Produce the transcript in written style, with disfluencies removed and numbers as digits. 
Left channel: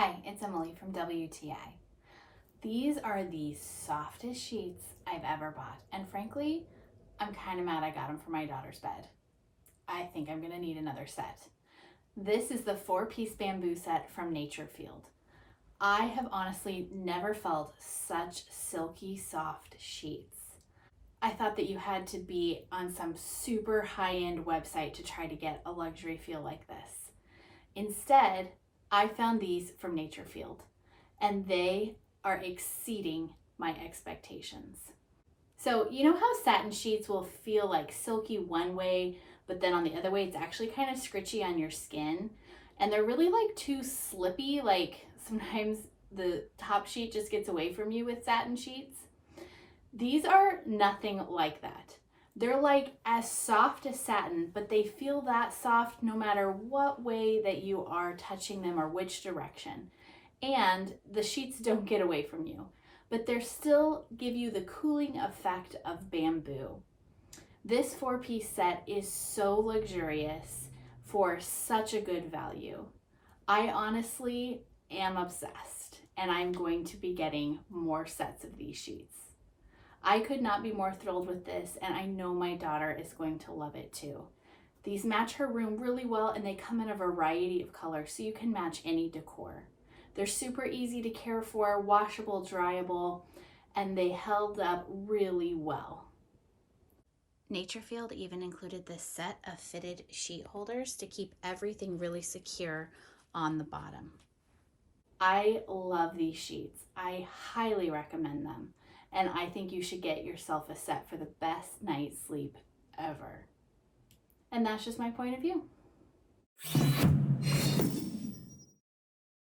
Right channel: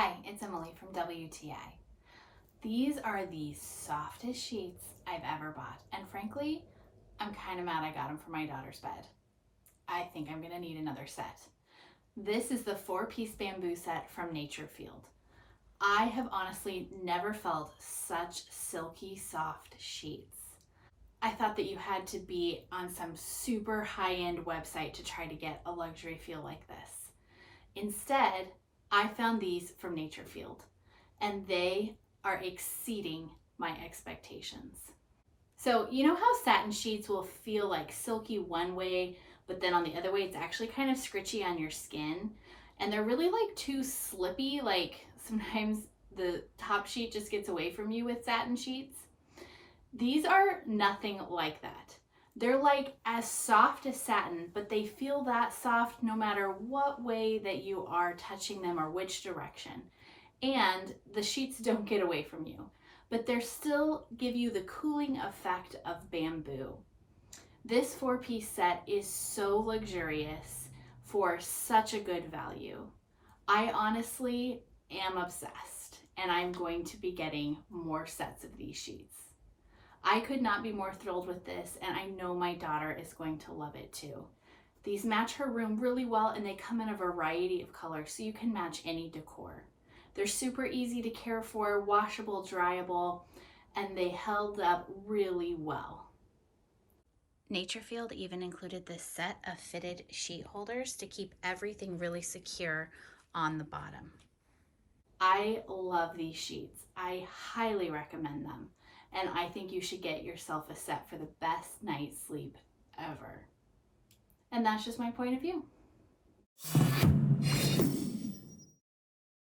Hi, it's Emily from WTI. These are the softest sheets I've ever bought, and frankly, I'm kind of mad I got them for my daughter's bed. I think I'm gonna need another set. This is the 4-piece bamboo set from NATUREFIELD. I have honestly never felt such silky soft sheets. I thought that you had to be on some super high-end website to try to get a luxury feel like this. Instead, I found these from NATUREFIELD, and they are exceeding my expectations. So you know how satin sheets will feel like silky one way, but then on the other way it's actually kind of scritchy on your skin, and they're really like too slippy, like sometimes the top sheet just gets away from you with satin sheets? These are nothing like that. They're like as soft as satin, but they feel that soft no matter what way that you are touching them or which direction. And the sheets don't get away from you, but they still give you the cooling effect of bamboo. This 4-piece set is so luxurious for such a good value. I honestly am obsessed, and I'm going to be getting more sets of these sheets. I could not be more thrilled with this, and I know my daughter is going to love it too. These match her room really well, and they come in a variety of colors, so you can match any decor. They're super easy to care for, washable, dryable, and they held up really well. NATUREFIELD even included this set of fitted sheet holders to keep everything really secure on the bottom. I love these sheets. I highly recommend them. And I think you should get yourself a set for the best night's sleep ever. And that's just my point of view.